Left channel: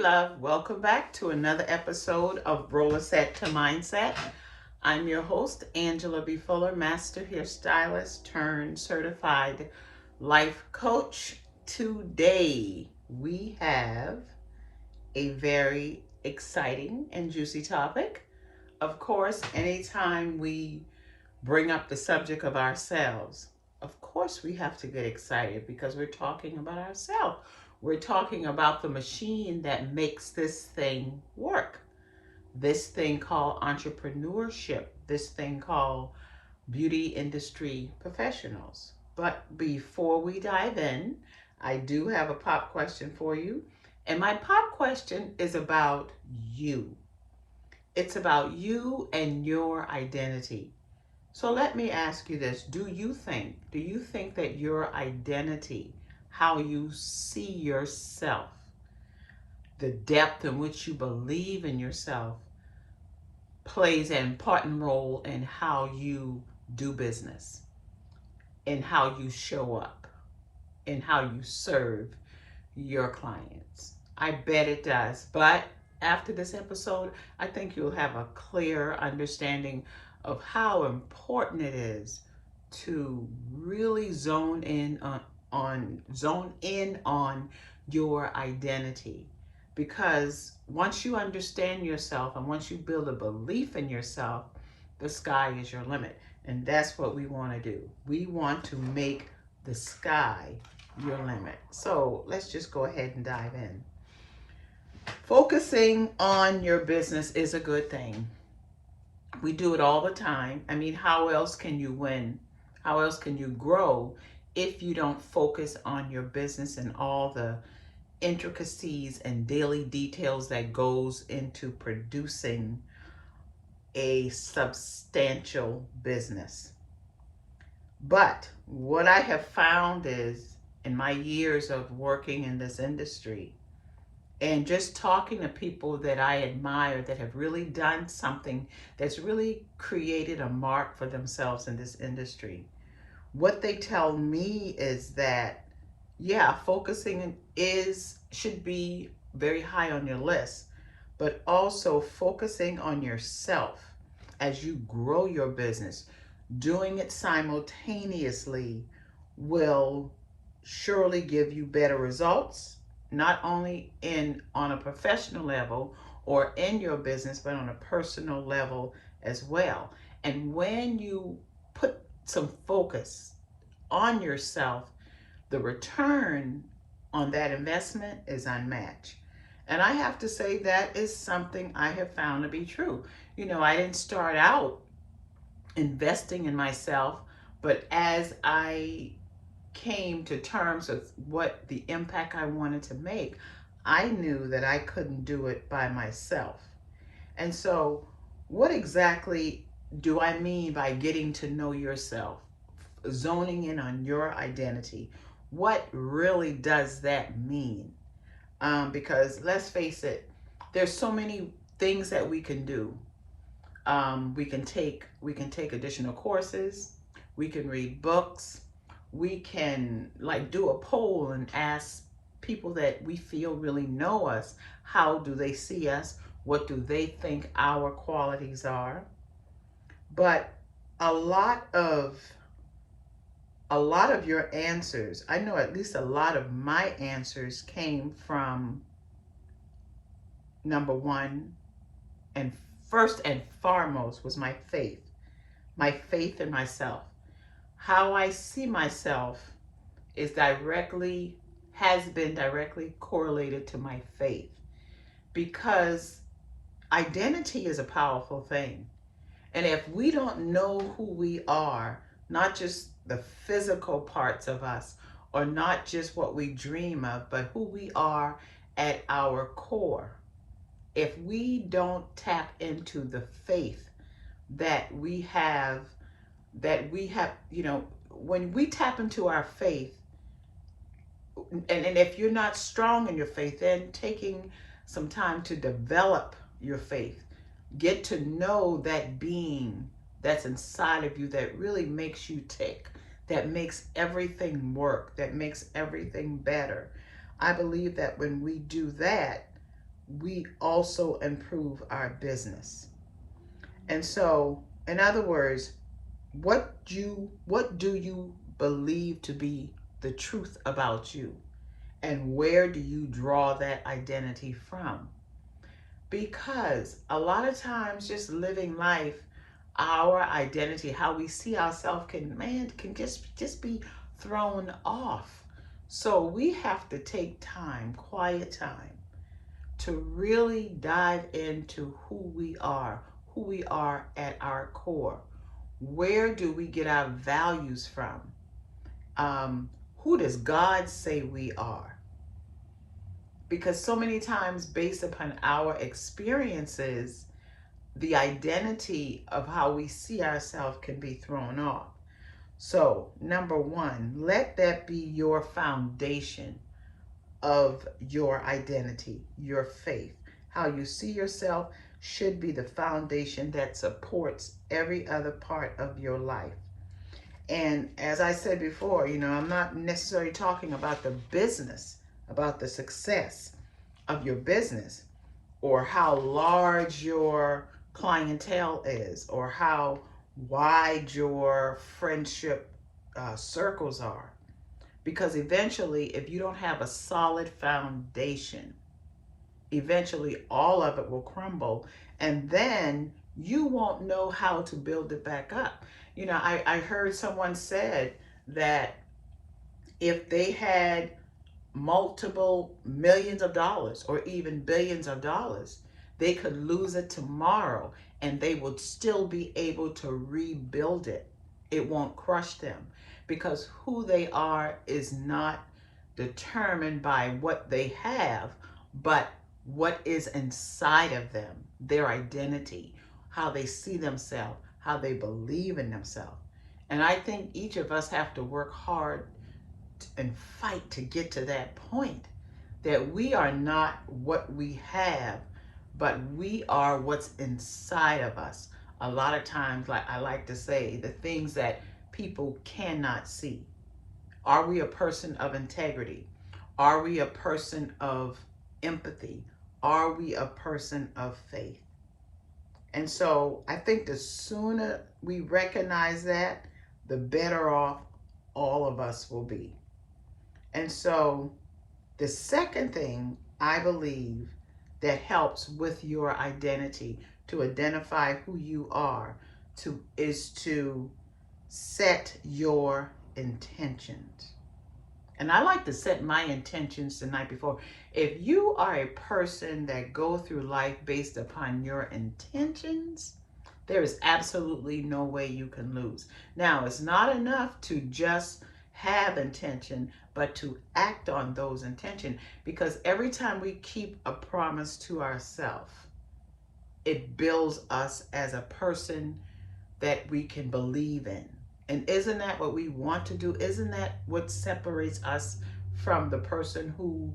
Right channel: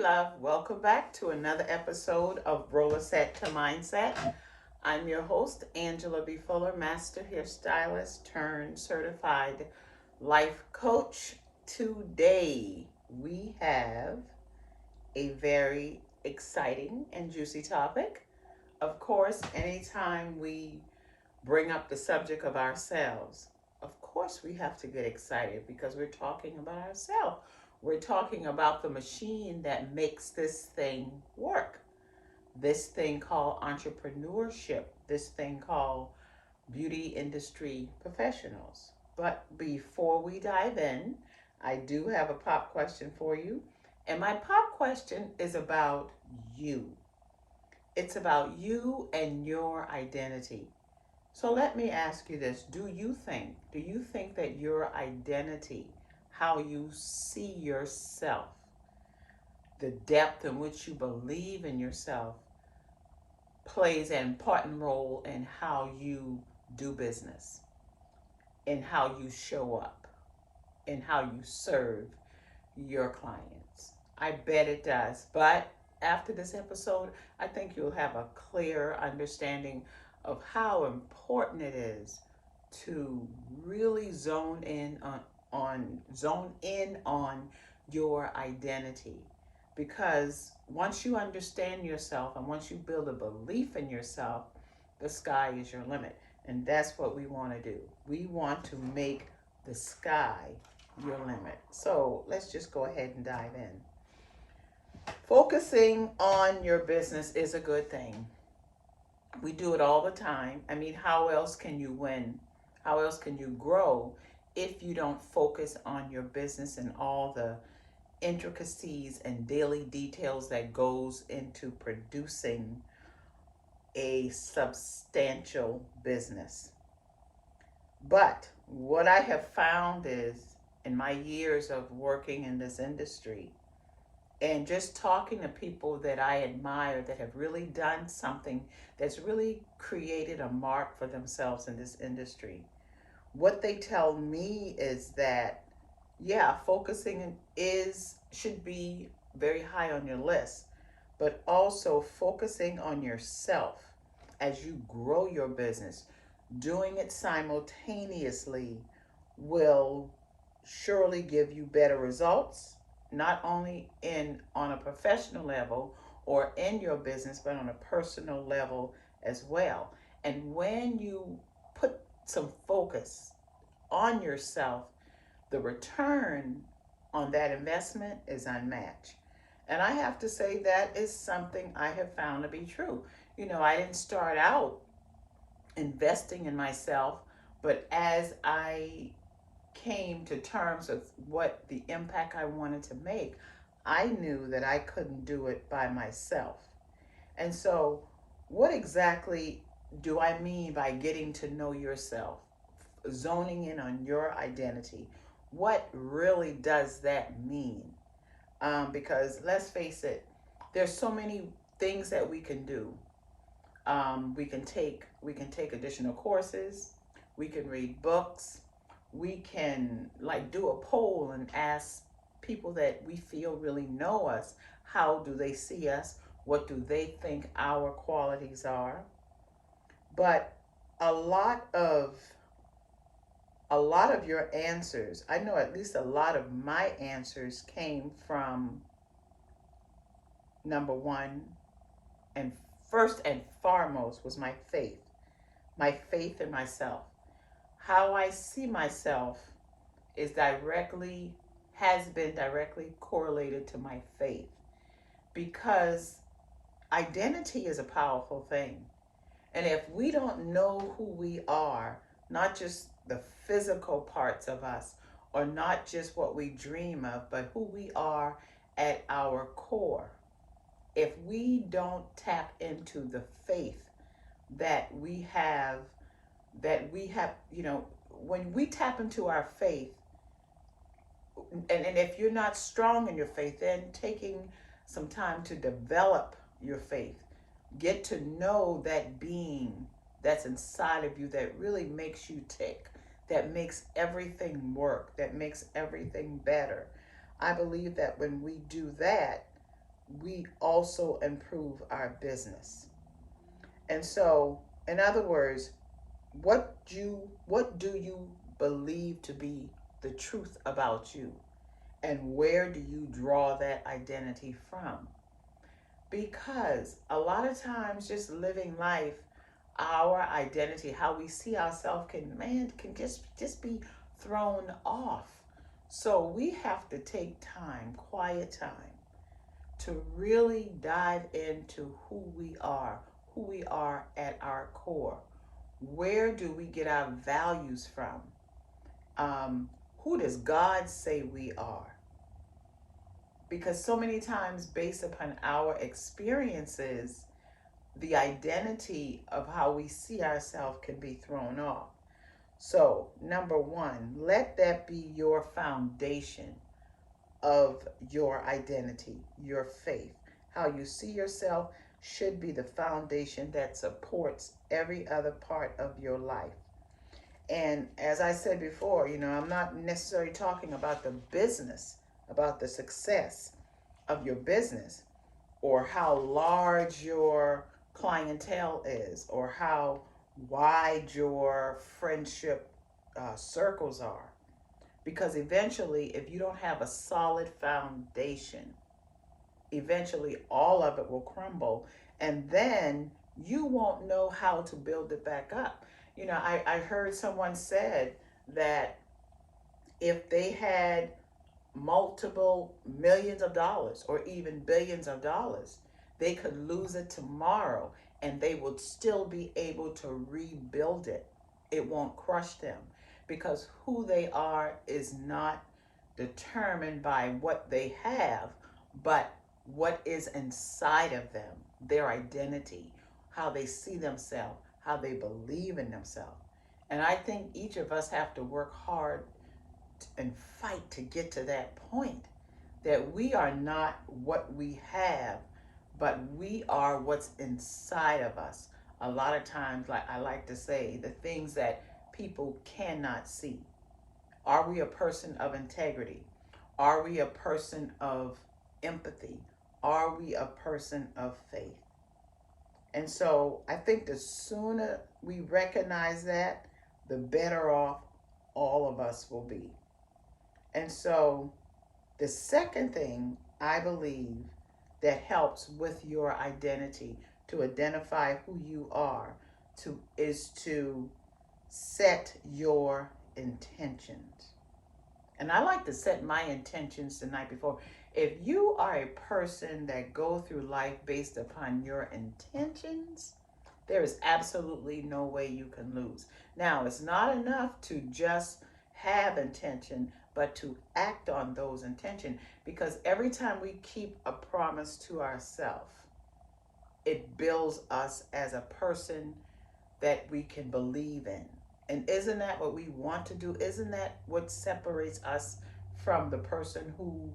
love. Welcome back to another episode of Rollerset to Mindset. I'm your host, Angela B. Fuller, Master Hairstylist turned certified life coach. Today, we have a very exciting and juicy topic. Of course, anytime we bring up the subject of ourselves, of course we have to get excited because we're talking about ourselves. We're talking about the machine that makes this thing work. This thing called entrepreneurship, this thing called beauty industry professionals. But before we dive in, I do have a pop question for you. And my pop question is about you. It's about you and your identity. So let me ask you this. Do you think that your identity, how you see yourself, the depth in which you believe in yourself, plays an important role in how you do business, in how you show up, in how you serve your clients? I bet it does. But after this episode, I think you'll have a clear understanding of how important it is to really zone in on your identity, because once you understand yourself and once you build a belief in yourself, the sky is your limit. And that's what we want to do. We want to make the sky your limit. So let's just go ahead and dive in. Focusing on your business is a good thing. We do it all the time. I mean, how else can you win? How else can you grow if you don't focus on your business and all the intricacies and daily details that goes into producing a substantial business? But what I have found is, in my years of working in this industry and just talking to people that I admire that have really done something that's really created a mark for themselves in this industry, what they tell me is that, yeah, focusing is should be very high on your list, but also focusing on yourself as you grow your business, doing it simultaneously will surely give you better results, not only in on a professional level or in your business, but on a personal level as well. And when you put some focus on yourself, the return on that investment is unmatched. And I have to say that is something I have found to be true. I didn't start out investing in myself, but as I came to terms with what the impact I wanted to make, I knew that I couldn't do it by myself. And so, what exactly do I mean by getting to know yourself, zoning in on your identity? What really does that mean? Because let's face it, there's so many things that we can do. We can take additional courses. We can read books. We can like do a poll and ask people that we feel really know us, how do they see us? What do they think our qualities are? But a lot of a lot of your answers, I know at least a lot of my answers came from number one, and first and foremost was my faith in myself. How I see myself is directly has been directly correlated to my faith, because identity is a powerful thing. And if we don't know who we are, not just the physical parts of us or not just what we dream of, but who we are at our core, if we don't tap into the faith that we have, when we tap into our faith, and if you're not strong in your faith, then taking some time to develop your faith, get to know that being that's inside of you that really makes you tick, that makes everything work, that makes everything better. I believe that when we do that, we also improve our business. And so, in other words, what do you believe to be the truth about you? And where do you draw that identity from? Because a lot of times just living life, our identity, how we see ourselves can just be thrown off. So we have to take time, quiet time, to really dive into who we are at our core. Where do we get our values from? Um, who does God say we are? Because so many times, based upon our experiences, the identity of how we see ourselves can be thrown off. So, number one, let that be your foundation of your identity, your faith. How you see yourself should be the foundation that supports every other part of your life. And as I said before, I'm not necessarily talking about the business, about the success of your business, or how large your clientele is, or how wide your friendship circles are. Because eventually, if you don't have a solid foundation, eventually all of it will crumble, and then you won't know how to build it back up. I heard someone said that if they had multiple millions of dollars or even billions of dollars, they could lose it tomorrow and they would still be able to rebuild it. It won't crush them because who they are is not determined by what they have, but what is inside of them, their identity, how they see themselves, how they believe in themselves. And I think each of us have to work hard and fight to get to that point that we are not what we have, but we are what's inside of us. A lot of times, like I like to say, the things that people cannot see. Are we a person of integrity? Are we a person of empathy? Are we a person of faith? And so I think the sooner we recognize that, the better off all of us will be. And so the second thing I believe that helps with your identity to identify who you are is to set your intentions. And I like to set my intentions the night before. If you are a person that go through life based upon your intentions, there is absolutely no way you can lose. Now, it's not enough to just have intention, but to act on those intentions. Because every time we keep a promise to ourselves, it builds us as a person that we can believe in. And isn't that what we want to do? Isn't that what separates us from the person who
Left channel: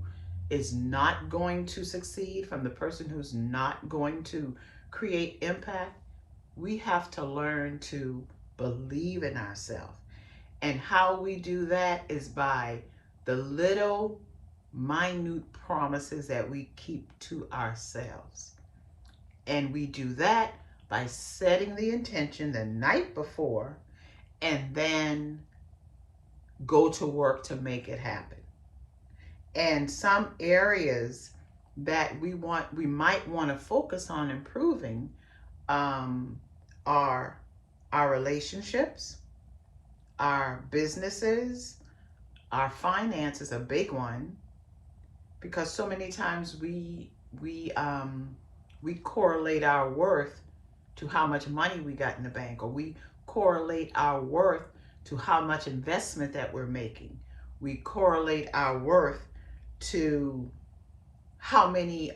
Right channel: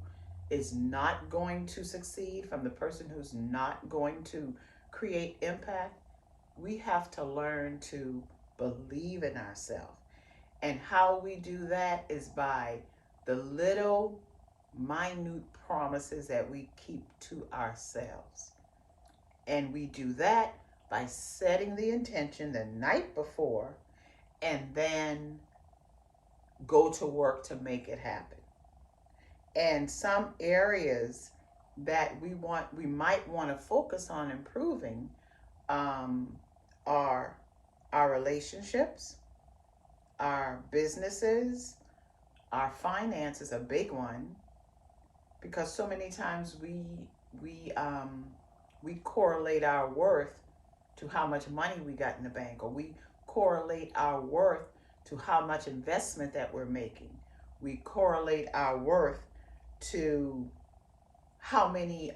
is not going to succeed, from the person who's not going to create impact? We have to learn to believe in ourselves. And how we do that is by the little minute promises that we keep to ourselves. And we do that by setting the intention the night before and then go to work to make it happen. And some areas that we might want to focus on improving um, are our relationships, our businesses, our finances, a big one, because so many times we um, we correlate our worth to how much money we got in the bank, or we correlate our worth to how much investment that we're making. We correlate our worth to how many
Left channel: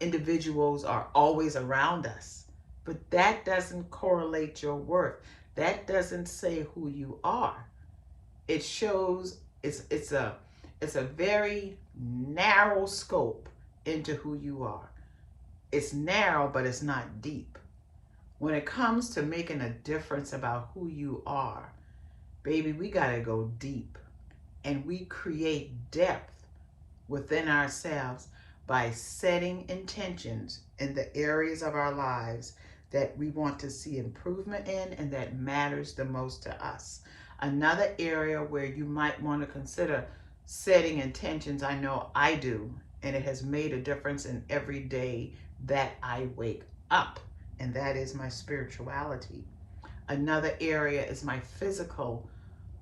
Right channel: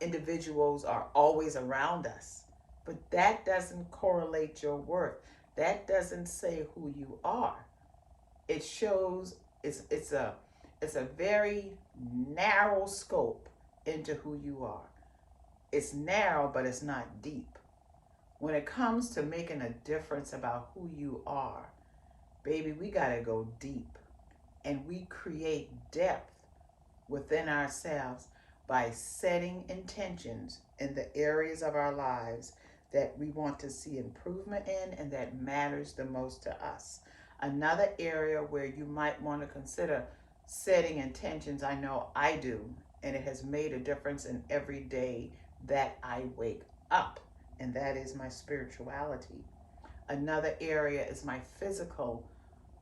individuals are always around us. But that doesn't correlate your worth. That doesn't say who you are. It shows it's a very narrow scope into who you are. It's narrow, but it's not deep. When it comes to making a difference about who you are, baby, we got to go deep. And we create depth within ourselves by setting intentions in the areas of our lives that we want to see improvement in and that matters the most to us. Another area where you might want to consider setting intentions, I know I do, and it has made a difference in every day that I wake up, and that is my spirituality. Another area is my physical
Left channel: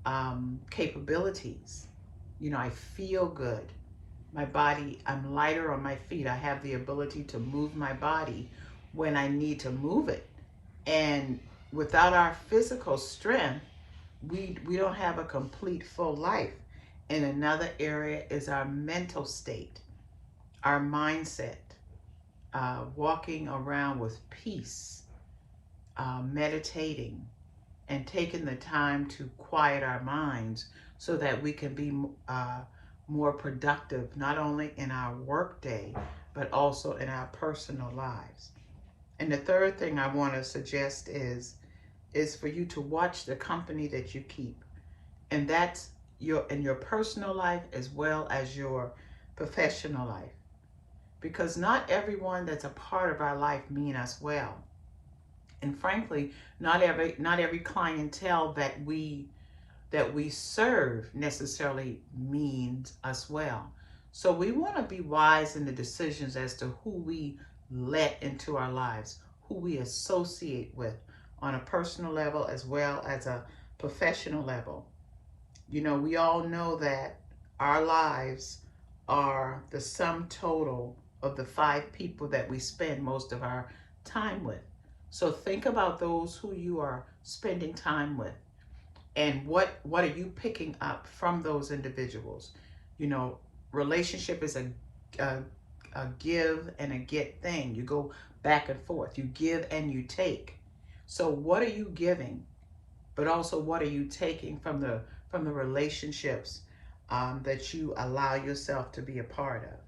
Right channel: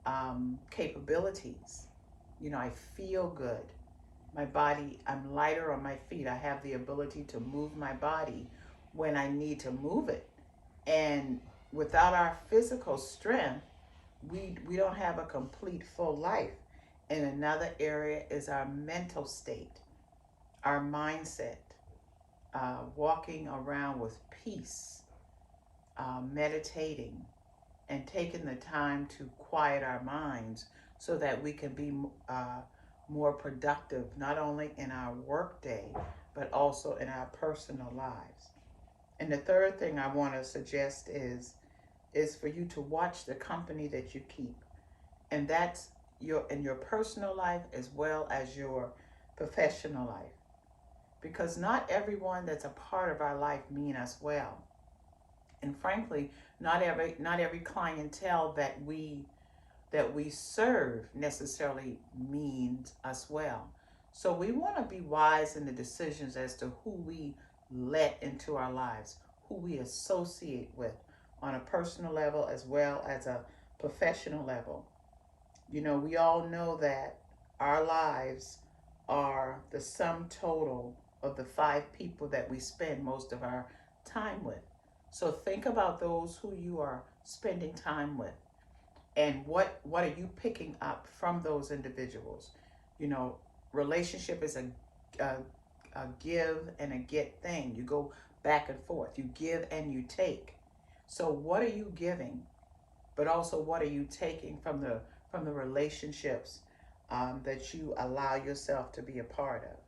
um, capabilities. You know, I feel good. My body, I'm lighter on my feet. I have the ability to move my body when I need to move it. And without our physical strength, we don't have a complete full life. And another area is our mental state, our mindset, walking around with peace, meditating, and taking the time to quiet our minds so that we can be uh, more productive, not only in our work day, but also in our personal lives. And the third thing I want to suggest is for you to watch the company that you keep. And that's your in your personal life as well as your professional life. Because not everyone that's a part of our life mean us well. And frankly, not every clientele that we serve necessarily means us well. So we want to be wise in the decisions as to who we let into our lives, who we associate with on a personal level as well as a professional level. You know, we all know that our lives are the sum total of the five people that we spend most of our time with. So think about those who you are spending time with and what are you picking up from those individuals. You know, relationship is a give and a get thing. You go back and forth, you give and you take. So what are you giving, but also what are you taking from the relationships that you allow yourself to be a part of?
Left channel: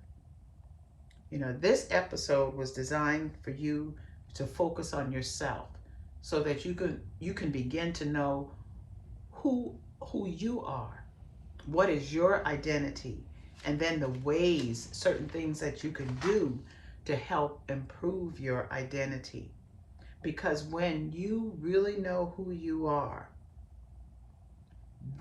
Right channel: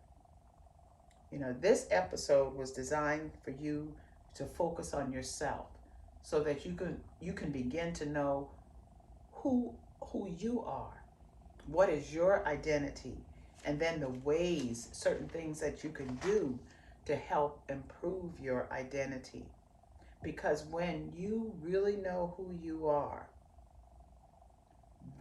You know, this episode was designed for you to focus on yourself so that you can begin to know who who you are, what is your identity, and then the ways, certain things that you can do to help improve your identity. Because when you really know who you are,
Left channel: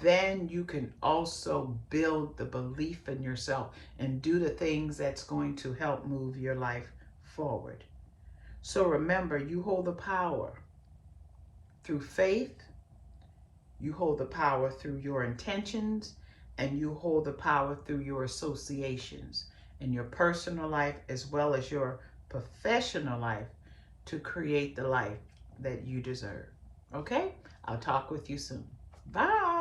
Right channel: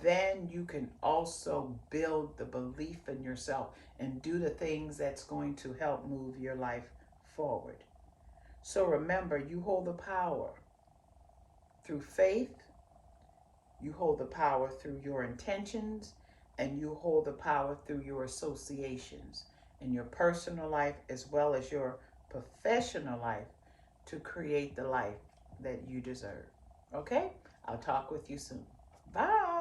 then you can also build the belief in yourself and do the things that's going to help move your life forward. So remember, you hold the power through faith, you hold the power through your intentions, and you hold the power through your associations in your personal life as well as your professional life to create the life that you deserve. Okay? I'll talk with you soon. Bye.